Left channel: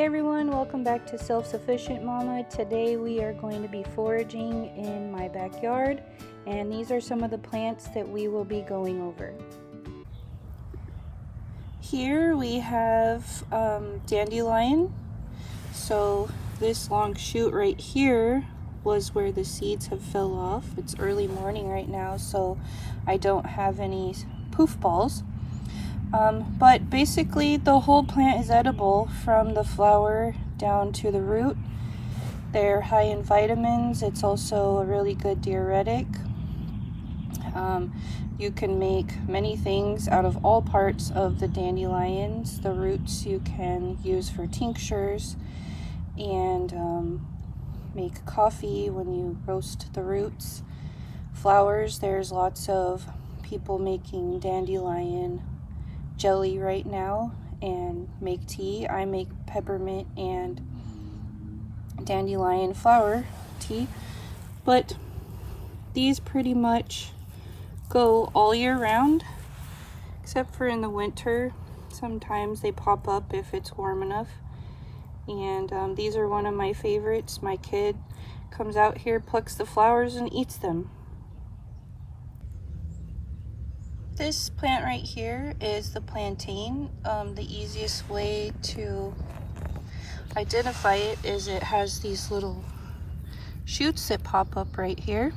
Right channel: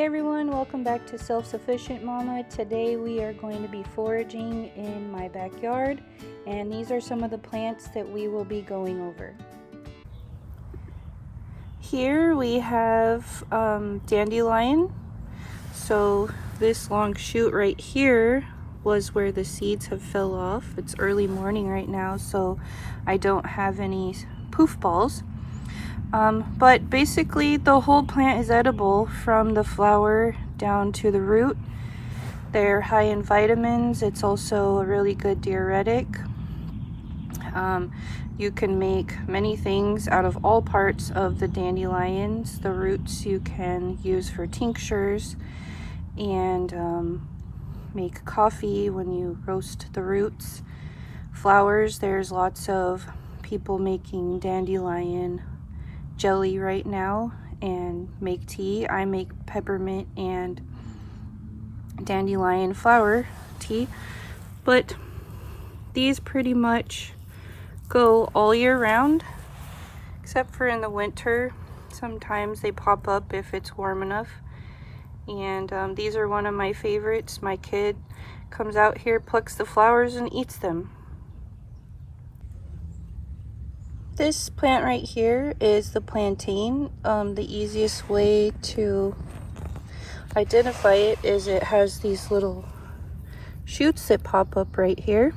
Hey everyone, welcome back to Self-Sufficient Mama. Today we are going to be foraging in my backyard, and these are some of the plants that we will be going over. Here we have dandelion. So this long shoot right here was where the seeds have fell off. It's early morning right now, so I don't have any poof balls. But basically the whole plant is edible from the flower down to the root. They're high in vitamins. It's also a really good diuretic. You can make many things out of all parts of the dandelions. The roots you can use for tinctures and make coffee when you roast the roots. Flowers, there's lots of people making dandelion jelly right now and make tea. I make peppermint and dandelion flower tea, but these pretty much go all year round except for in the winter. Sometimes they pop up if it's warm enough, and these are one of my favorites. My kid comes out here, plucks the flowers and eats them. This plant right here is the plantain. The easiest way to identify it is it has these little shoots that pop up right here.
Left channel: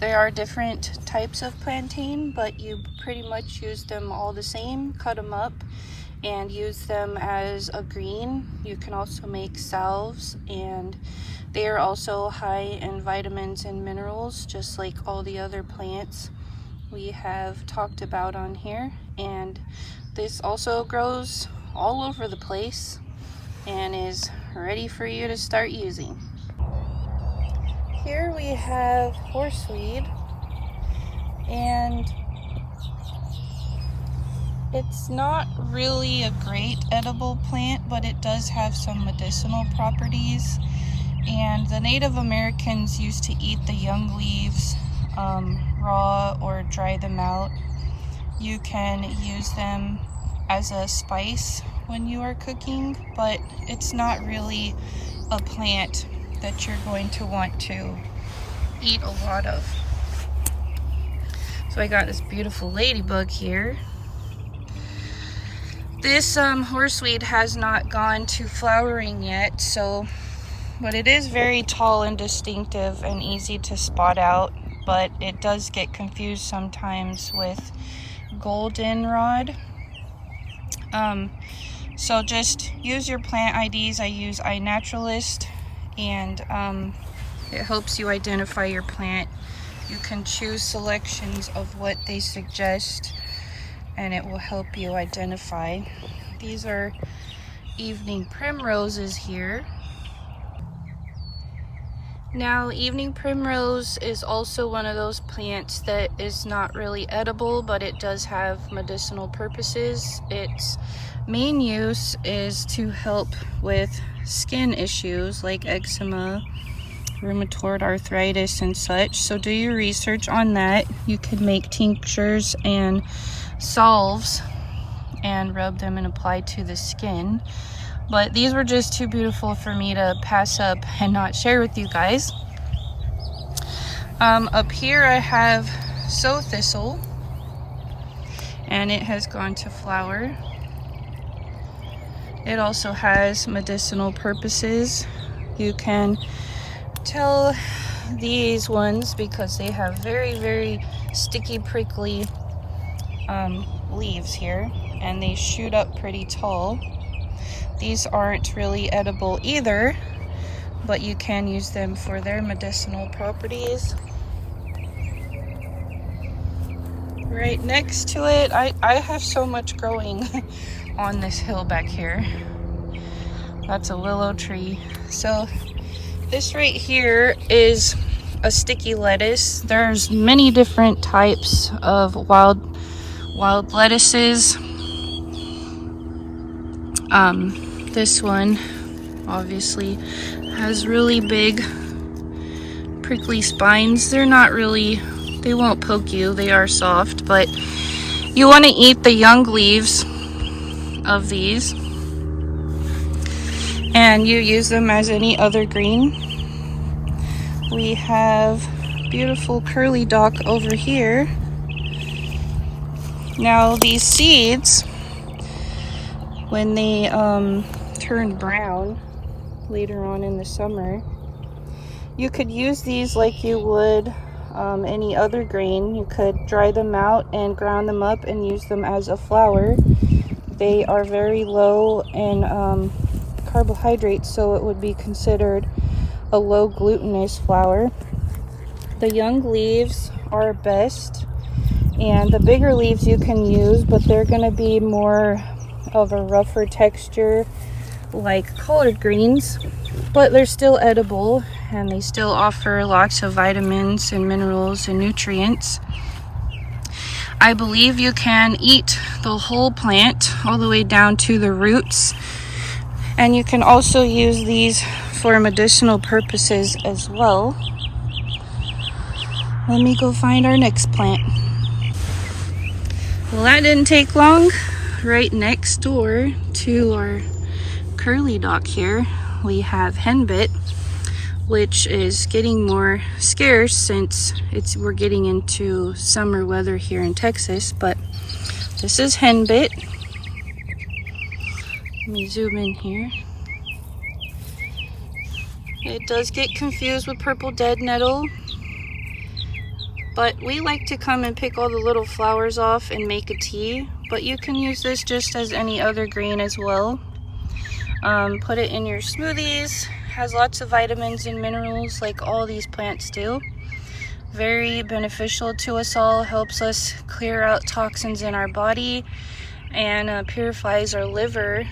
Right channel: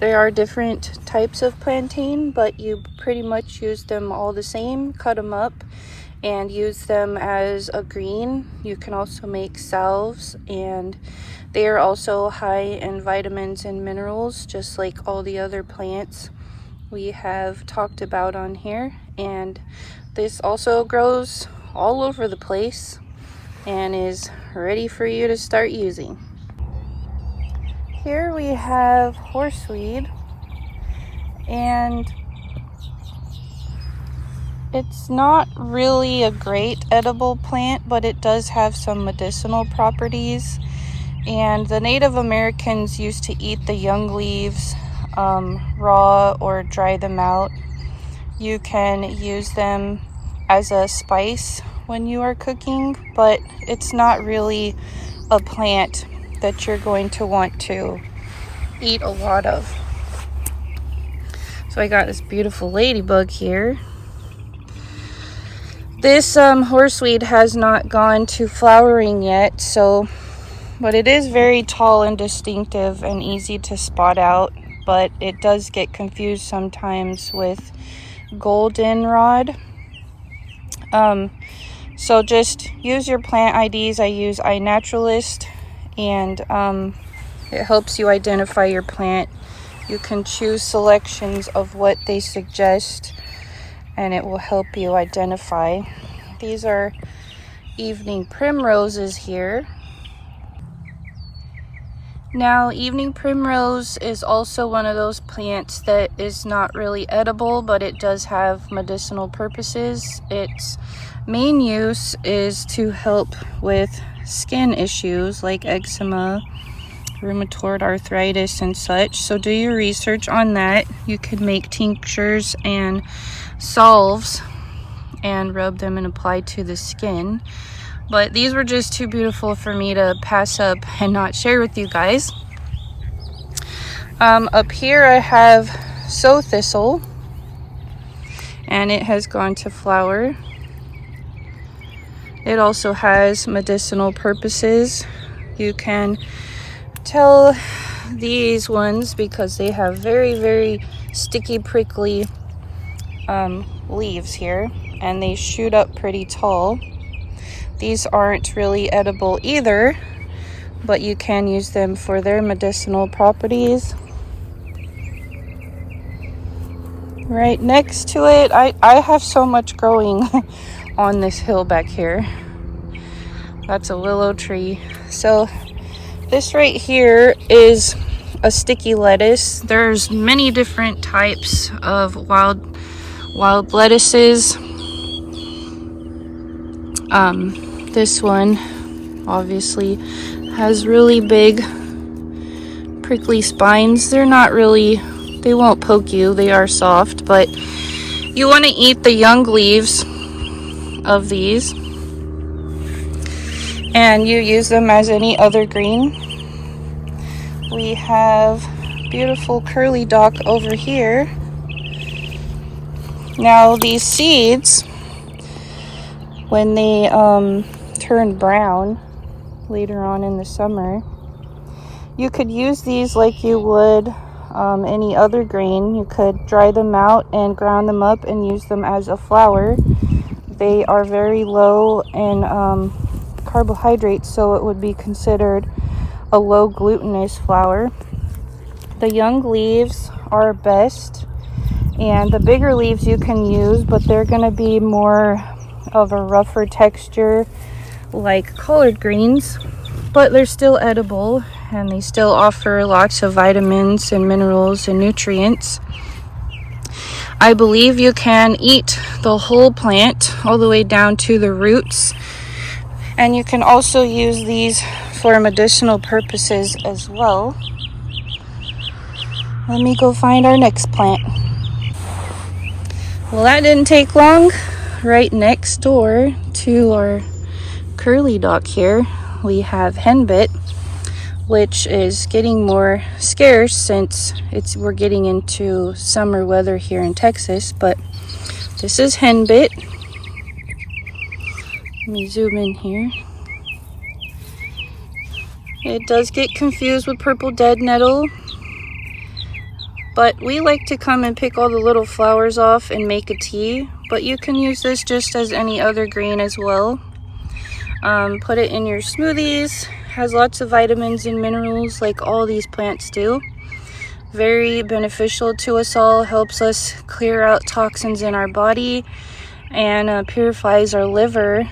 There are different types of plantain, but you pretty much use them all the same. Cut them up and use them as a green. You can also make salves, and they are also high in vitamins and minerals, just like all the other plants we have talked about on here. And this also grows all over the place and is ready for you to start using. Here we have horseweed, and it's not really a great edible plant, but it does have some medicinal properties, and the Native Americans used to eat the young leaves raw or dry them out. You can use them as a spice when you are cooking, but it's not really a plant that you're going to want to eat a lot of. So I got this beautiful ladybug here. This horseweed has not gone to flowering yet, but it is very tall and distinctive and easy to spot out. But it does get confused sometimes with Goldenrod. So just use your plant IDs. I use iNaturalist, and it helps you identify your plant. You can choose selections of what they suggest, and it will help you identify. These are evening primroses here. Now, evening primrose is also one of those plants that is not really edible, but it does have medicinal purposes. Its main use is to help with skin issues like eczema, rheumatoid arthritis, and such. So do your research on that. You could make tinctures and salves and rub them and apply to the skin. But these were just too beautiful for me to pass up and not share with you guys. Up here I have Thistle, and it has gone to flower. It also has medicinal purposes. You can tell these ones because they have very, very sticky, prickly leaves here, and they shoot up pretty tall. These aren't really edible either, but you can use them for their medicinal properties. Right next to it, I have so much growing on this hill back here. That's a willow tree. So this right here is a sticky lettuce. There's many different types of wild lettuces. This one obviously has really big prickly spines. They won't poke you, they are soft, but you want to eat the young leaves of these. and you use them as any other green. We have beautiful curly dock over here. Now these seeds, when they turn brown later on in the summer, you could use these like you would any other grain. You could dry them out and ground them up and use them as a flour. They are very low in carbohydrates, so it would be considered a low glutinous flour. The young leaves are best, and the bigger leaves you can use, but they're going to be more of a rougher texture like collard greens, but they're still edible and they still offer lots of vitamins and minerals and nutrients. I believe you can eat the whole plant all the way down to the roots, and you can also use these for medicinal purposes as well. Let me go find our next plant. Well, that didn't take long. Right next door to our curly dock here, we have Henbit, which is getting more scarce since we're getting into summer weather here in Texas. But this is Henbit. Let me zoom in here. It does get confused with purple dead nettle, but we like to come and pick all the little flowers off and make a tea. But you can use this just as any other green as well. Put it in your smoothies. Has lots of vitamins and minerals like all these plants do. Very beneficial to us all. Helps us clear out toxins in our body and purifies our liver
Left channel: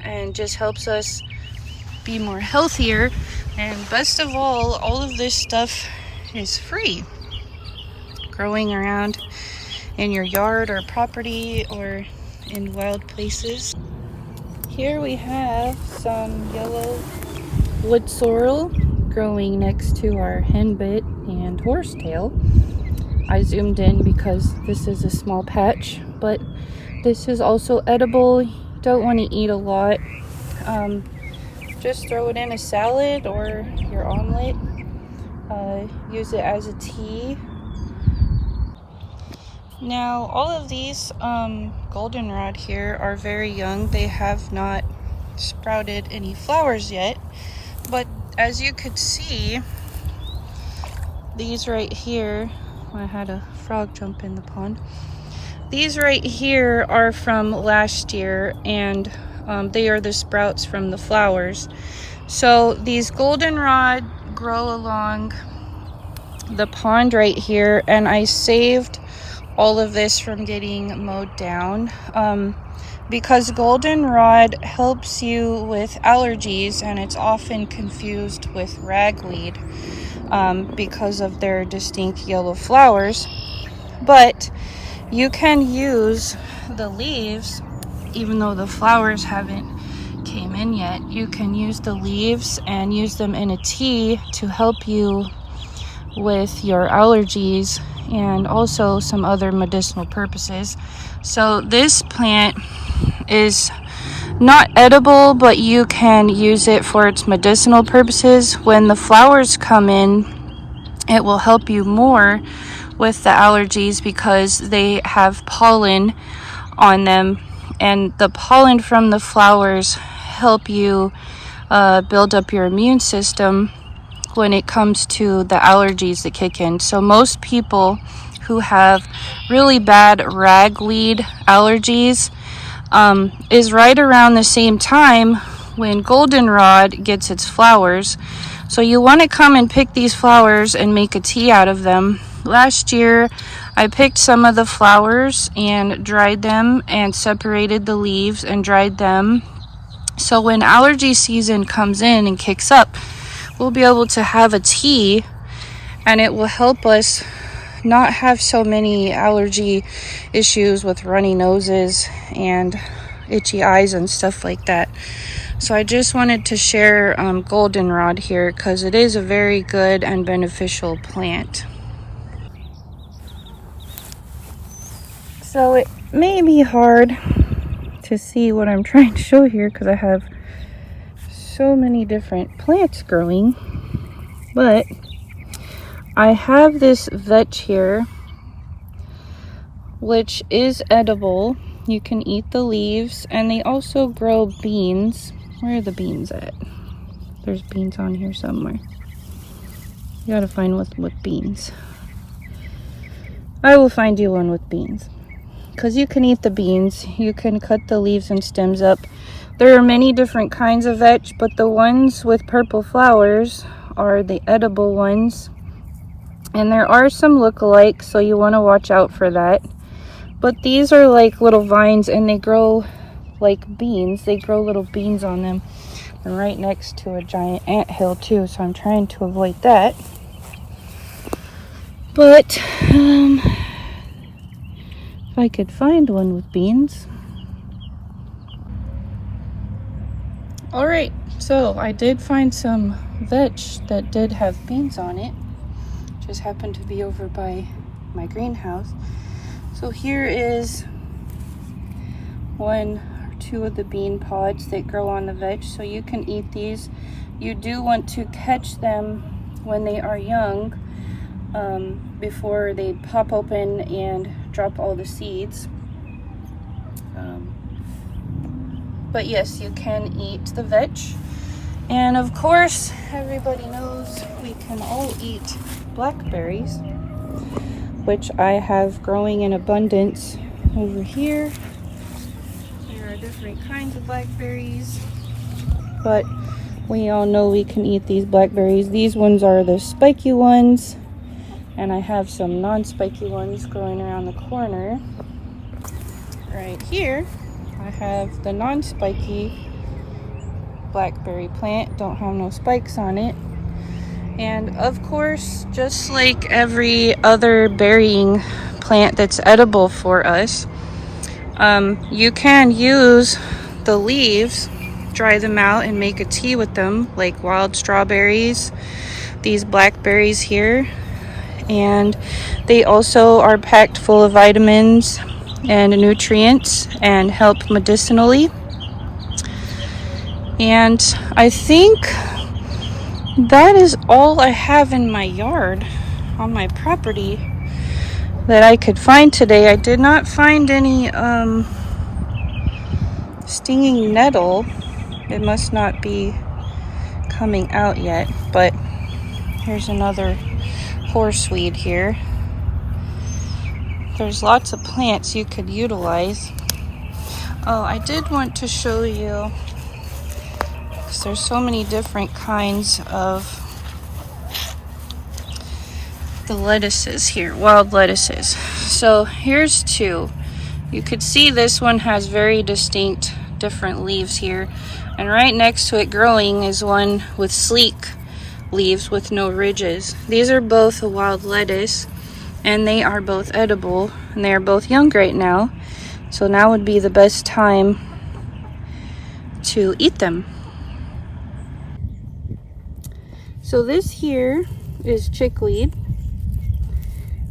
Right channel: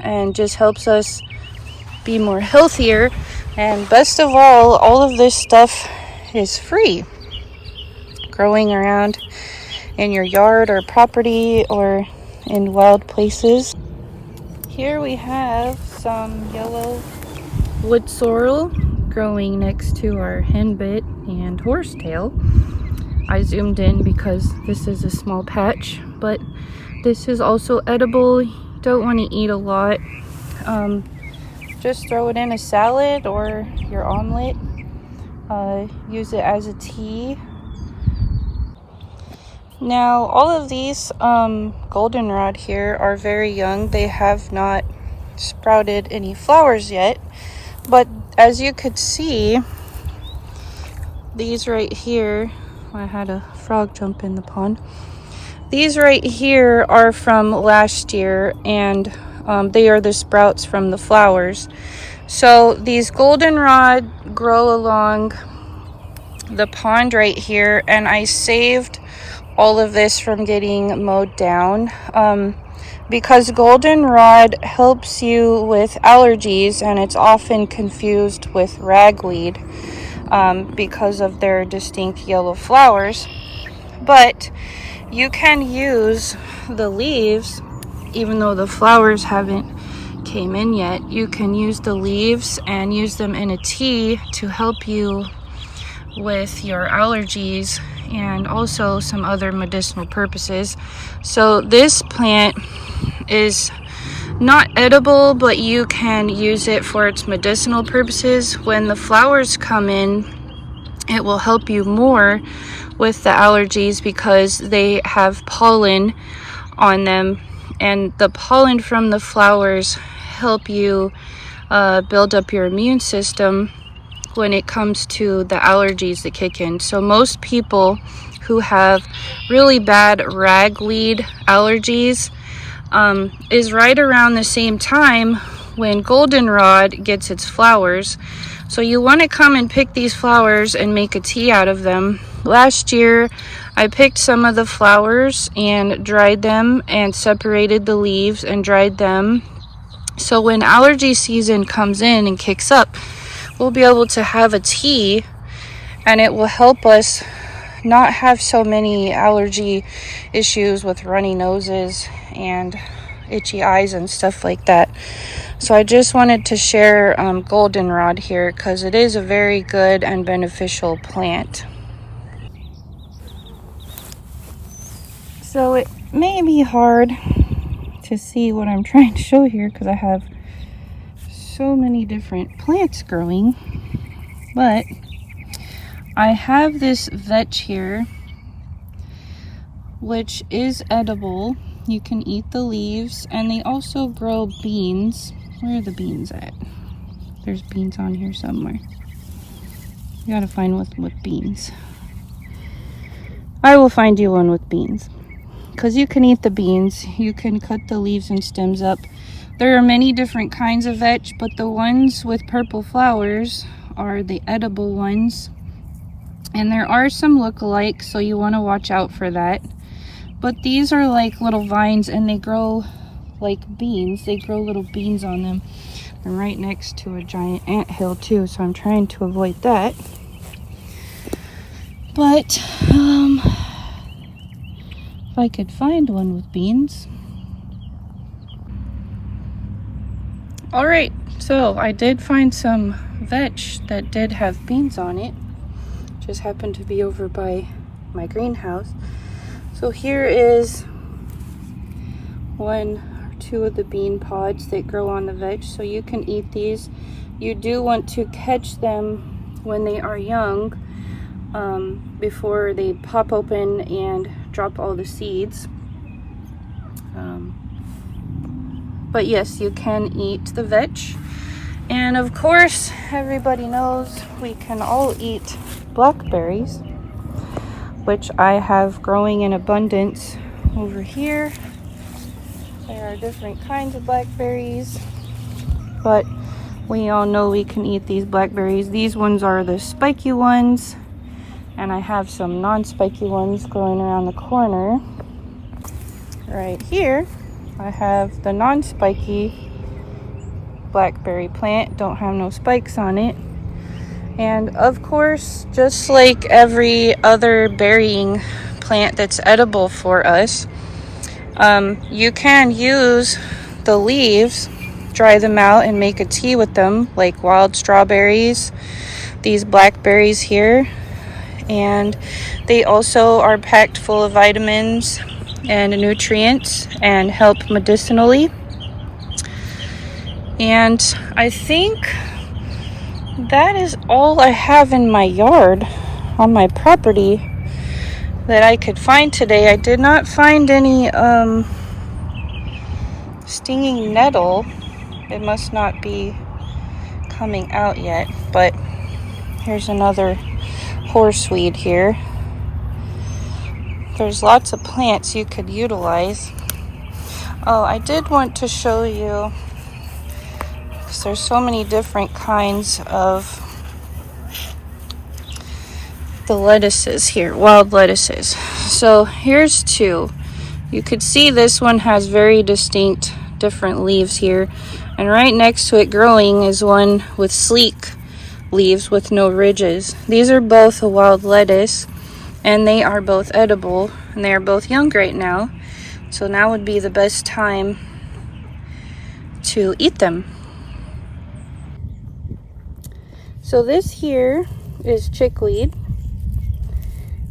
and just helps us be more healthier. And best of all of this stuff is free. Growing around in your yard or property or in wild places. Here we have some yellow Woodsorrel growing next to our Henbit and horsetail. I zoomed in because this is a small patch, but this is also edible. You don't want to eat a lot. Just throw it in a salad or your omelet. Use it as a tea. Now, all of these goldenrod here are very young. They have not sprouted any flowers yet. But as you could see, these right here, I had a frog jump in the pond. These right here are from last year, and they are the sprouts from the flowers. So these goldenrod grow along the pond right here, and I saved all of this from getting mowed down because goldenrod helps you with allergies, and it's often confused with ragweed because of their distinct yellow flowers. But you can use the leaves, even though the flowers haven't came in yet. You can use the leaves and use them in a tea to help you with your allergies and also some other medicinal purposes. So this plant is not edible, but you can use it for its medicinal purposes. When the flowers come in, it will help you more with the allergies because they have pollen on them, and the pollen from the flowers help you build up your immune system when it comes to the allergies that kick in. So most people who have really bad ragweed allergies is right around the same time when goldenrod gets its flowers. So you want to come and pick these flowers and make a tea out of them. Last year I picked some of the flowers and dried them and separated the leaves and dried them. So when allergy season comes in and kicks up, we'll be able to have a tea, and it will help us not have so many allergy issues with runny noses and itchy eyes and stuff like that. So I just wanted to share goldenrod here because it is a very good and beneficial plant. So it may be hard to see what I'm trying to show here because I have so many different plants growing, but I have this vetch here, which is edible. You can eat the leaves, and they also grow beans. Where are the beans at? There's beans on here somewhere. You gotta find one with beans. I will find you one with beans, because you can eat the beans. You can cut the leaves and stems up. There are many different kinds of vetch, but the ones with purple flowers are the edible ones. And there are some look-alike, so you want to watch out for that. But these are like little vines, and they grow like beans. They grow little beans on them. And right next to a giant anthill too, so I'm trying to avoid that. But if I could find one with beans. Alright, so I did find some vetch that did have beans on it. Just happened to be over by my greenhouse. So here is one or two of the bean pods that grow on the vetch, so you can eat these. You do want to catch them when they are young, before they pop open and drop all the seeds. But yes, you can eat the vetch. And of course, everybody knows we can all eat blackberries, which I have growing in abundance over here. There are different kinds of blackberries, but we all know we can eat these blackberries. These ones are the spiky ones, and I have some non-spiky ones growing around the corner. Right here, I have the non-spiky blackberry plant. Don't have no spikes on it. And of course, just like every other berrying plant that's edible for us, you can use the leaves, dry them out, and make a tea with them, like wild strawberries, these blackberries here. And they also are packed full of vitamins and nutrients and help medicinally. And I think that is all I have in my yard on my property that I could find today. I did not find any stinging nettle. It must not be coming out yet, but here's another horseweed here. There's lots of plants you could utilize. Oh, I did want to show you, because there's so many different kinds of the lettuces here, wild lettuces. So here's two. You could see this one has very distinct different leaves here, and right next to it growing is one with sleek leaves with no ridges. These are both a wild lettuce, and they are both edible, and they are both young right now, so now would be the best time to eat them. So this here is chickweed,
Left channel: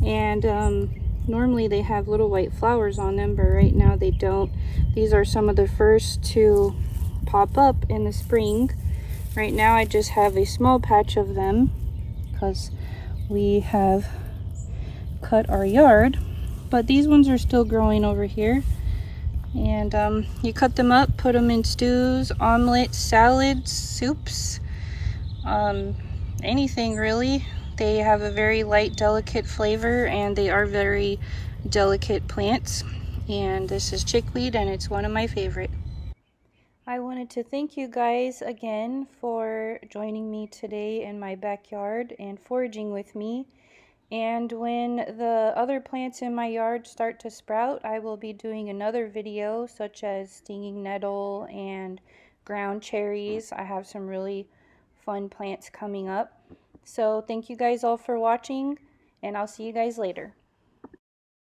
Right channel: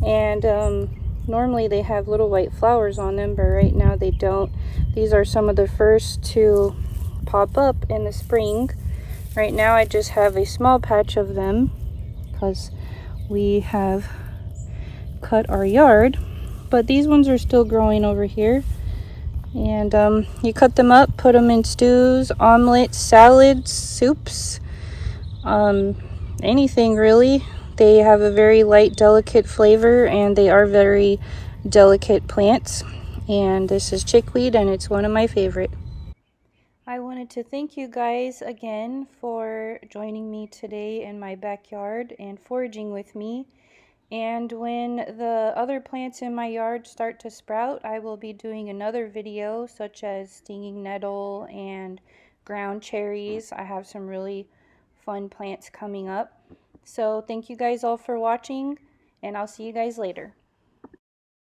and normally they have little white flowers on them, but right now they don't. These are some of the first to pop up in the spring. Right now I just have a small patch of them because we have cut our yard, but these ones are still growing over here. And you cut them up, put them in stews, omelets, salads, soups, anything really. They have a very light, delicate flavor, and they are very delicate plants. And this is chickweed, and it's one of my favorite. I wanted to thank you guys again for joining me today in my backyard and foraging with me. And when the other plants in my yard start to sprout, I will be doing another video, such as stinging nettle and ground cherries. I have some really fun plants coming up. So thank you guys all for watching, and I'll see you guys later.